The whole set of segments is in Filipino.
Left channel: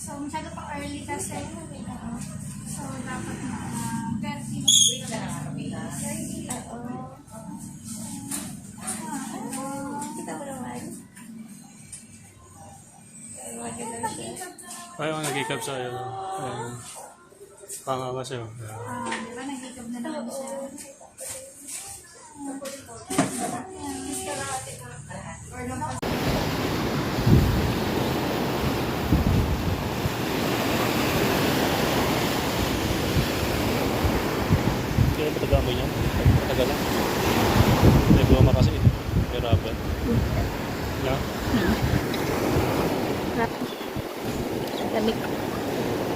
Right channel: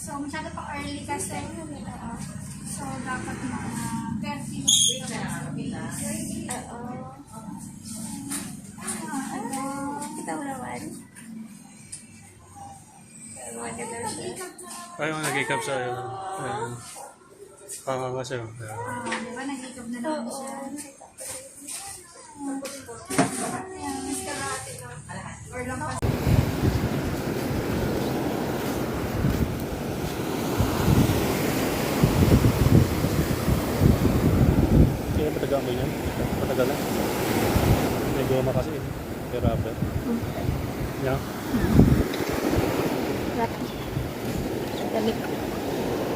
So, masyado pa early kasi. So, dapat na 30 Kita mo naman. Ayaw nga nag-ikap sa iyo. Panganga siya. di ba, nag-ikab na naman siya. Or lang pa. Kaya matagal mo yan? Matagal lang. Nagawa na kasi. Pero apa? Yeah?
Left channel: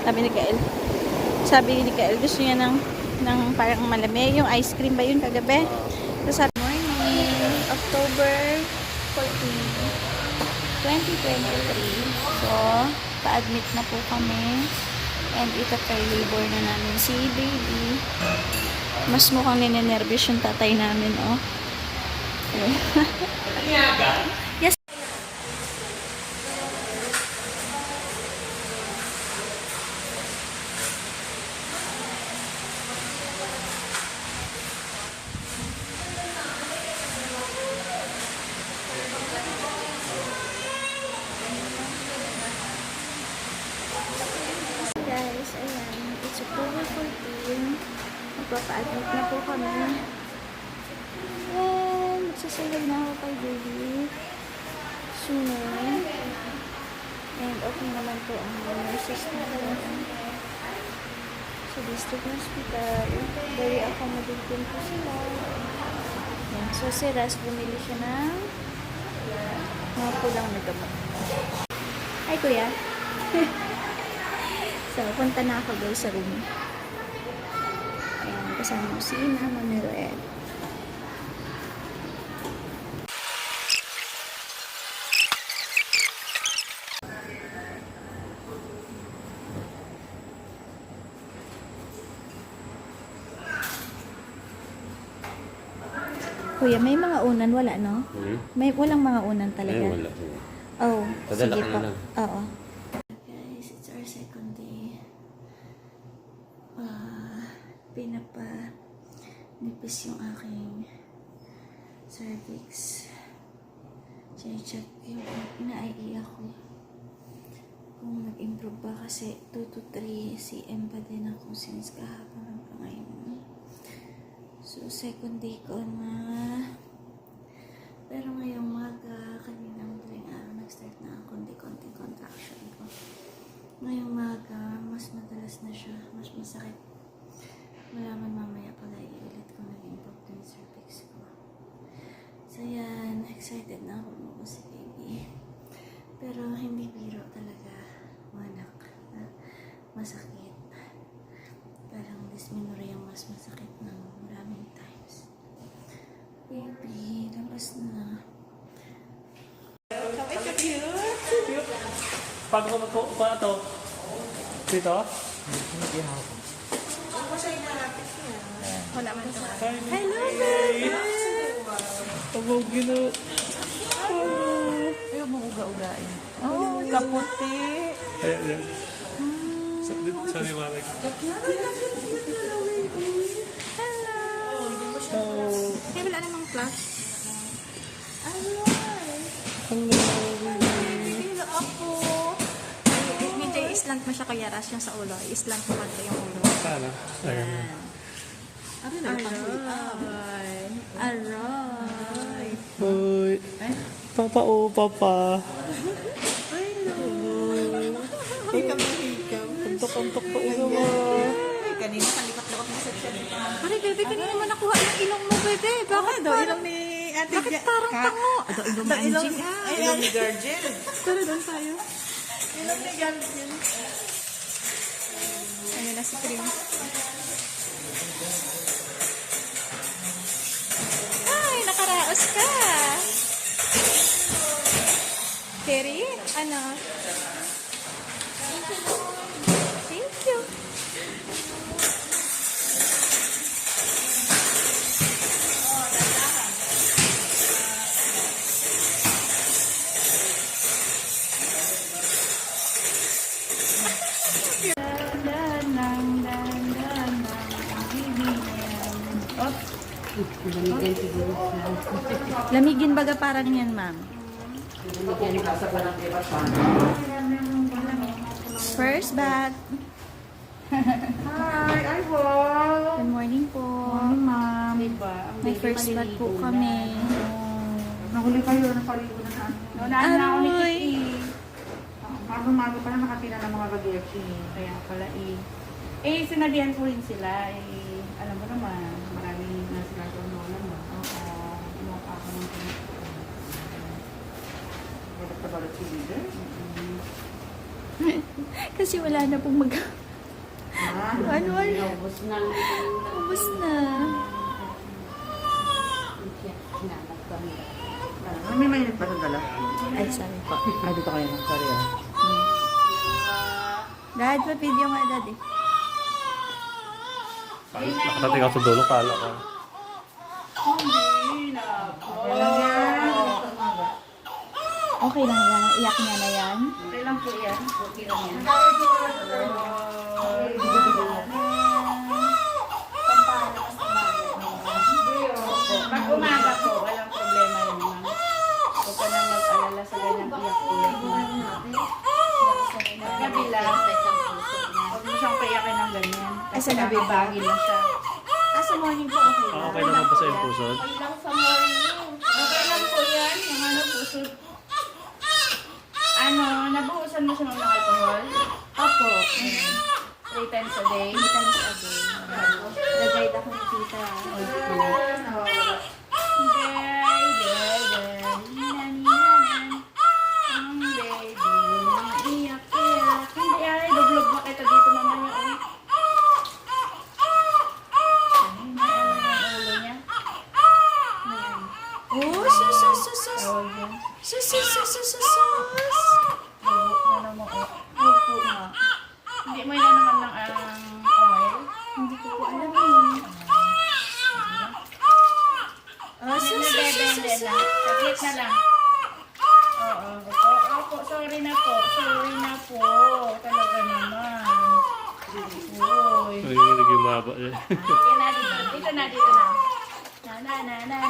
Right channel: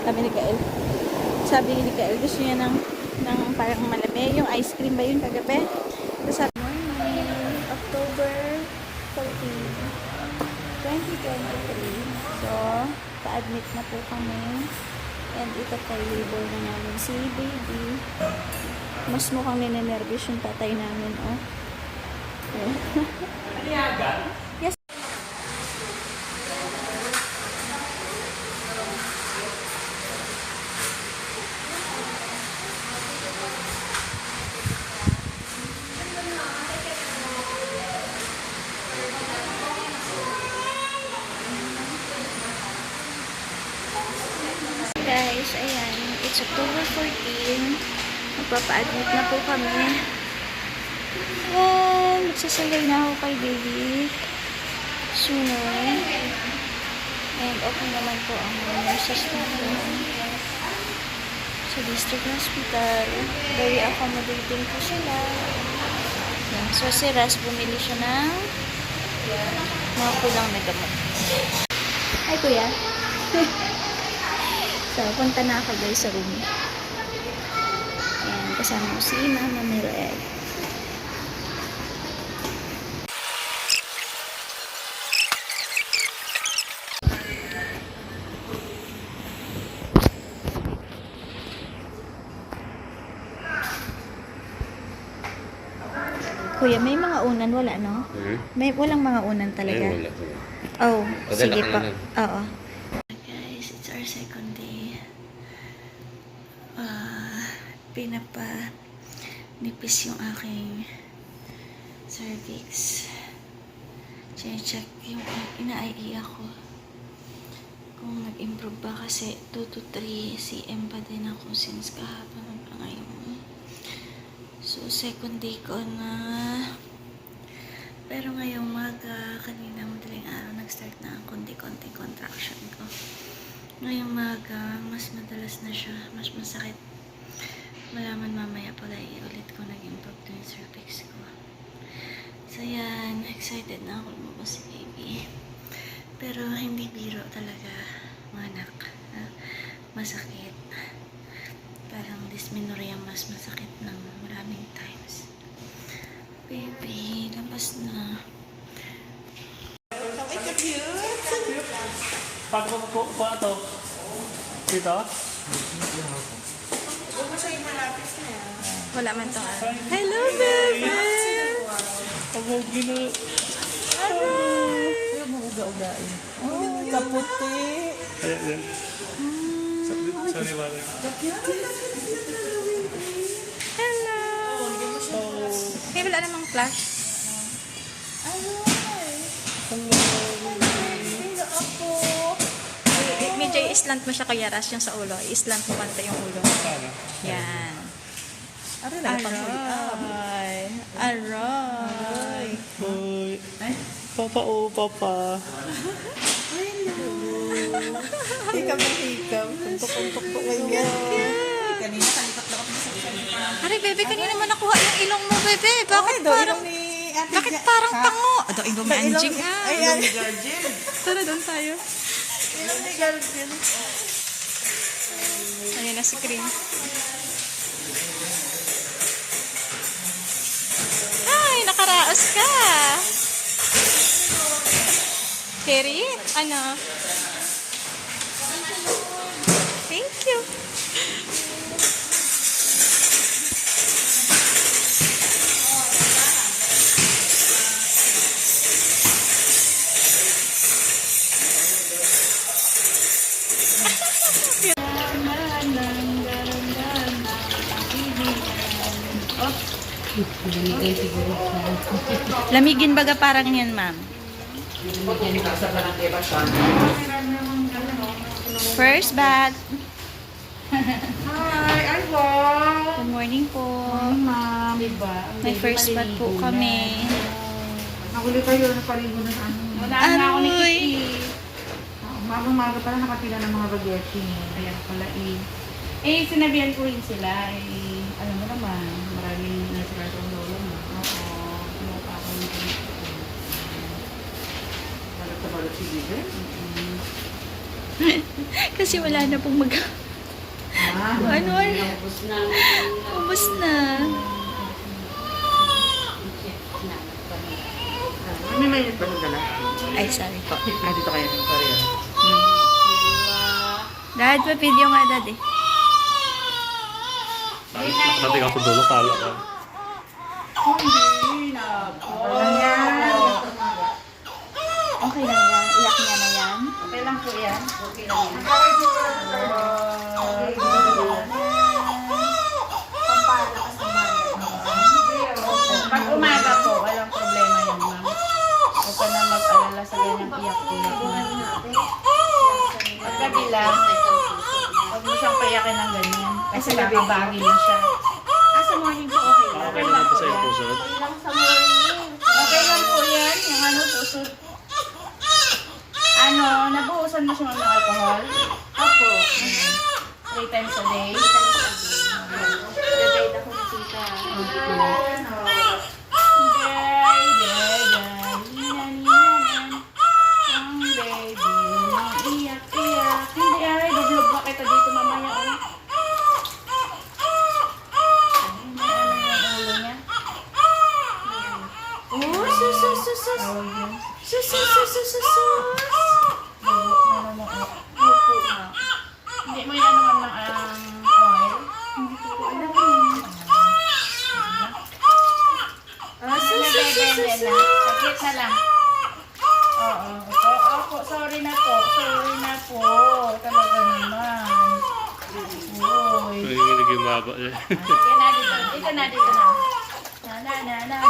Kami ni Kael. Sabi ni Kael, gusto niya ng parang malami. Yung ice cream ba yun kagabi? So, sabi, morning, October 14, 2023. So, pa-admit na po kami. And ito kay labor na namin si baby. Mas mukhang ninenervous yung tatay namin, oh. Yes. Guys, ayan, it's October 14. Magpapa-admit na po kami. And magsasagay na ako kay baby sooner. And okay naman po ang mga nurses natin sa district hospital. Very accommodating po sila. Yan. So si Ras bumili siya ng mga kulang na gamot. Ay kuya. So, punta na ako guys sa room. Ayan, kasama ko si Mama Mered. Kuya, may mga unan, wala no? May walang mga unan talaga. Wala. Oh, sige pa. Lang. Oo. Guys, it's our second day. Pinapa-nipis yung aking cervix. Check yung ina-IE ako. Kung nag-improve ba kasi 2 to 3 cm pa din ako since kahapon hanggang ngayon. So, second day ko na. Pero ngayong maga, kanina madaling araw, nag-start na ang konti-konting contraction ko. Ngayong maga, mas madalas na siya, mas masakit. Malaman mamaya pala ulit ko nag-improve to yung cervix ko. So yan, excited na ako lumabas si baby. Pero hindi biro talaga, mga anak. Masakit. Parang dysmenorrhea mas masakit ng maraming times. Baby, labas na. Ay, ka-cute! Paano ko po pa ito? Dito? Wala man to. Hello, baby! Tawag gina. Ayaw mo uga-ugain. Oh, kaputi. Ayan. Sa liwanag. Hello. Hey, wala namang flash. Hello, apo. Medyo i-slant mo siya kaya ras yung sa ulo. I-slant mo kanta yung ulo. Sana. Yan. Aray. Aray. Uy. Papa, oh, papa. Hikam. Puntok po ngayon. Kanina, kalipat-lapat na sa tiyan. Aray, bebe, kanina mo nakuha yung ilong mo, bebe. Bakit parang... Bakit parang pango? Ito, ilong ni Anjing. Ayan. Guardian. Tara, doon tayo. Ilong ni Guardian. Ayan na si Cream. Ay, nakaraos ka. Terry, ano? Thank you. Binigyan siguro siya. Lamigin baga parang yan, ma'am. Binigyan pa sa barangay ba siya? First bat. Hi, ay wow! Good morning po. Ma'am, diba? May first bat po kami. Nahuli kayo, nakaligo na ano. Wala na ako ni Aroy! Kitty. Maga pala nakapila ng mga bageti. Kaya pala sinabihan ko rin sila. Alam mo naman, maraming nasigal ko ang lola mo. Oo, mukha ako nito. Balot si Bebe? Kasi wala na pong mag... Ano? Ubus na. Ubus na. May mainit pa dala? Ay, sorry po. Ay, dito kayo ng Korea. Dad, pa-video nga, Dad eh. Pati ka sa dulo, kala ka. Hindi na po. Okay lang yan. Iyak niya na yan. Okay lang po yan. Okay lang yan. Pag umaga po, walang problema yun, ma'am. Huwag ka na mag-alala sa ganyang iyak-iyak na. Pag kabila, huwag mo siyang payakin ng ganyan. Kasi nabibagi na siya. Sa morning po, okay lang. Okay naman po sa yung pusod. Okay lang po yan. Yung ano, puso. Nabuhusan mo siya ng alcohol? Opo. 3 times a day? 3 times a day. Nag-guide ako ni Tita. Ang baby, iyak-iyak. Hindi ay, dublog ba kita dito mamaya? Ano yung ulo niya? Oh, sus. Tawag yun. Sus. Dugo na naman. Opo, ma. Hindi mo yan naman ng oil? Hindi ko po alam eh. Hindi na. Saglit na lang. Oo. Opo, sorry na po. Talaga naman. Uy. Nanginginig yung maba. Sige na, dito na. Na.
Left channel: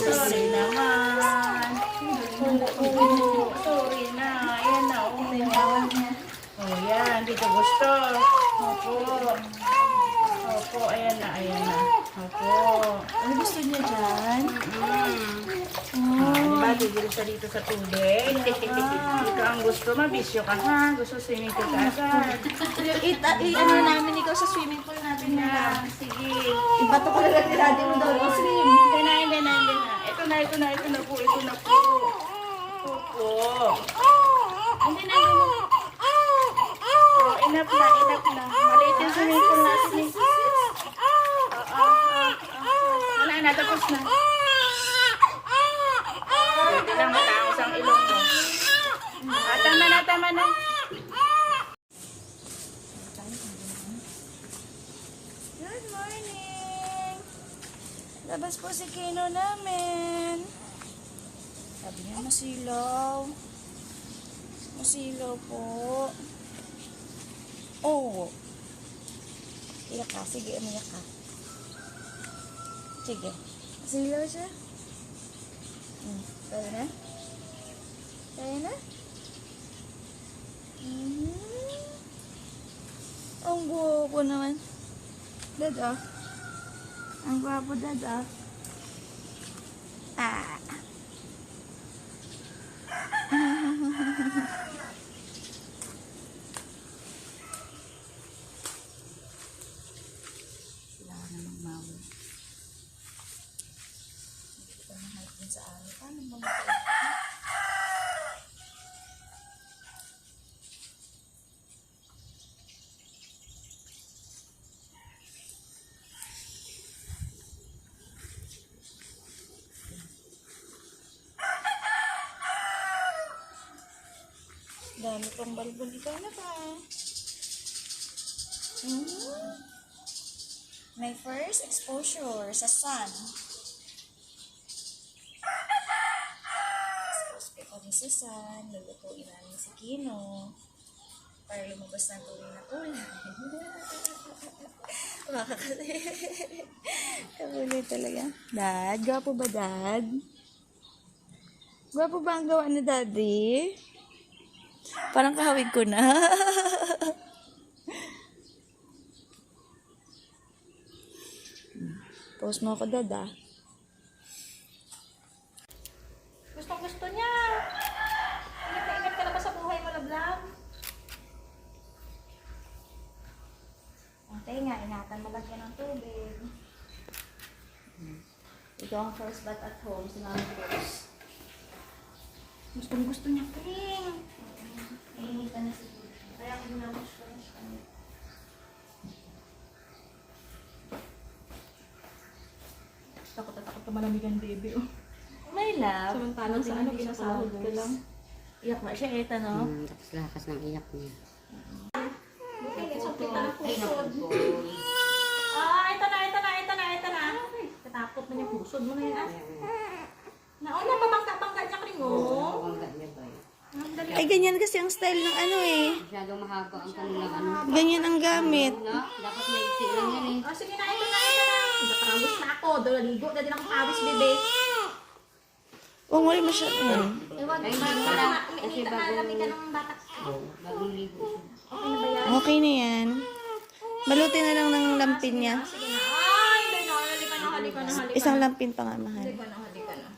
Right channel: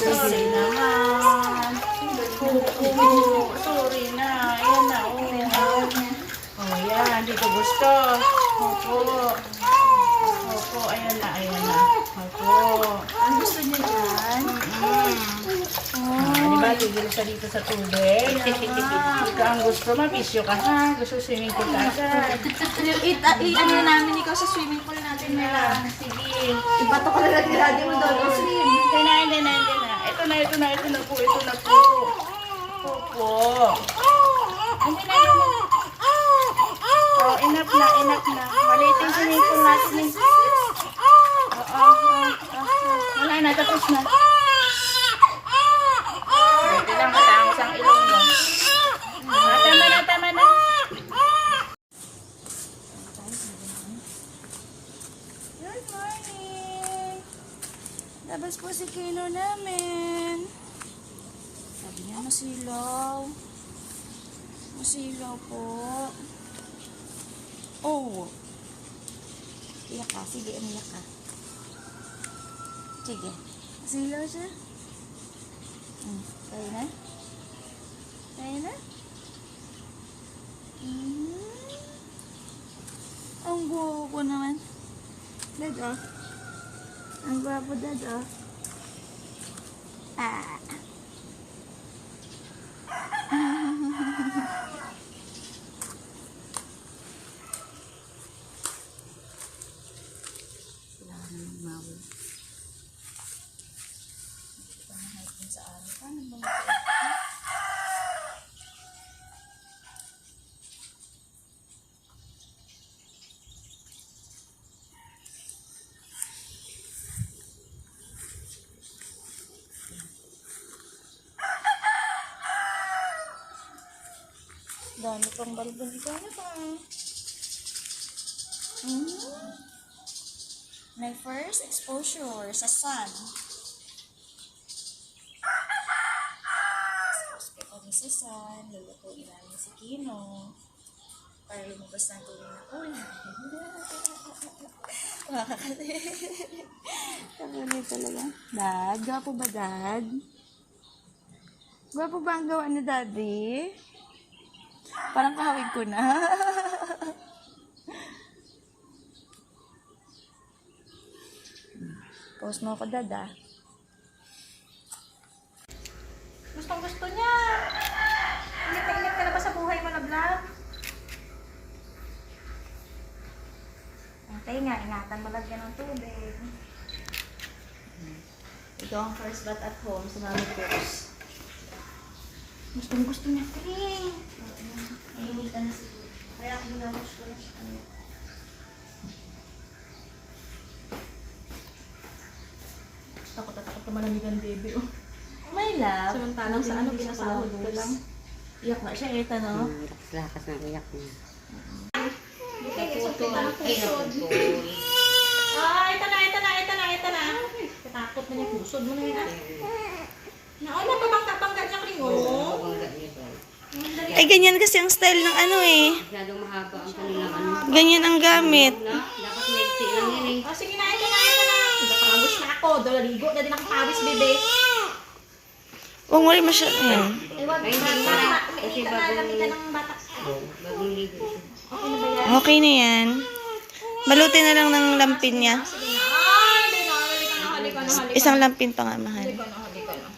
Sorry naman. Oo, sorry na. Ayan na, oh, yan. Dito gusto. Opo, ayan na. Opo. Ano gusto niya dyan? Di ba, ligil siya dito sa tubig? Ikaw ang gusto, mabisyo ka ha? Gusto swimming pool ka agad. Ano namin ikaw sa swimming pool natin na. Sige. Ibato ko na lang niladi mo daw. Swim. Hindi na. Ito na po. Opo. Hindi na. Oh, enough na. Maliit yung swimming pool natin eh. Wala na, tapos na. Hindi lang matangos ang ilong mo. Tama na. Good morning! Labas po si Kino namin. Sabi niya masilaw. Masilaw po. Oh! Iyak ka. Sige, umiyak ka. Sige. Masilaw siya. Kaya na? Ang gwapo naman. Dad, oh. Ang gwapo, Dad, oh. Dami pang balbalikan na pa. My first exposure sa sun. Expose ko kami sa sun. Lulutuin namin si Kino. para lumabas ng tuloy na kulay. Makakalimutan. Kabalo talaga. Dad, gwapo ba, Dad? Gwapo ba ang gawa ni Daddy? Parang kahawig ko na. Post mo ako, Dad, ah. Gustong gusto niya. Ingat na ingat ka na ba sa buhay mo na vlog? Okay nga, ingatan mo lagyan ng tubig. Ito ang first bath at home sa Mami Cruz. Gustong gusto niya, Ting. Nahihil ka na siguro. Kaya ako minawash ko na siya kanya. Takot na takot ka malamigan, baby. Oh. My love. Samantalang sa ano, pinasahod ka lang. Iyak na siya, ito, no? Lakas ng iyak niya. Okay, so kita ng pusod. Ito na. Katakot na niya, pusod mo na yan. Nauna, pabangga niya kring, oh. Bangga niya daw. Ay, ganyan kasi ang style ng ano eh. Masyadong mahaba ang kanilang ano. Ganyan ang gamit. Na, dapat maigsi lang yan eh. Sige na, ito na. Nagpapawis na ako. Daligo na din ako pawis, bebe. Huwag mo rin masyadong. Eh, wag. Ay, hindi mo na. Kasi Umiinit na bagong, lamigan ng bata. bagong ligo siya. Okay na ba yan? Okay na yan. Balutin na lang ng lampin niya. Sige na. Ay, hindi na. Halika na. Isang lampin pa nga, mahal. Halika na.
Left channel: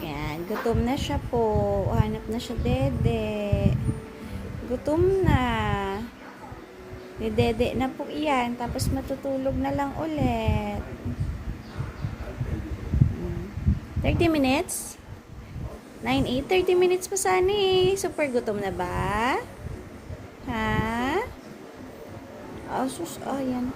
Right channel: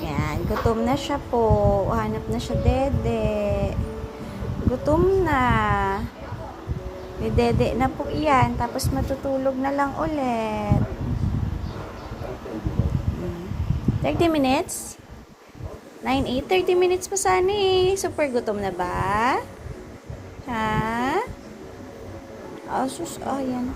Yan, gutom na siya po. Hanap na siya, Dede. Gutom na. May Dede na po iyan. Tapos matutulog na lang ulit. 30 minutes? 9, 8, 30 minutes pa sana eh. Super gutom na ba? Ha? Asus, yan.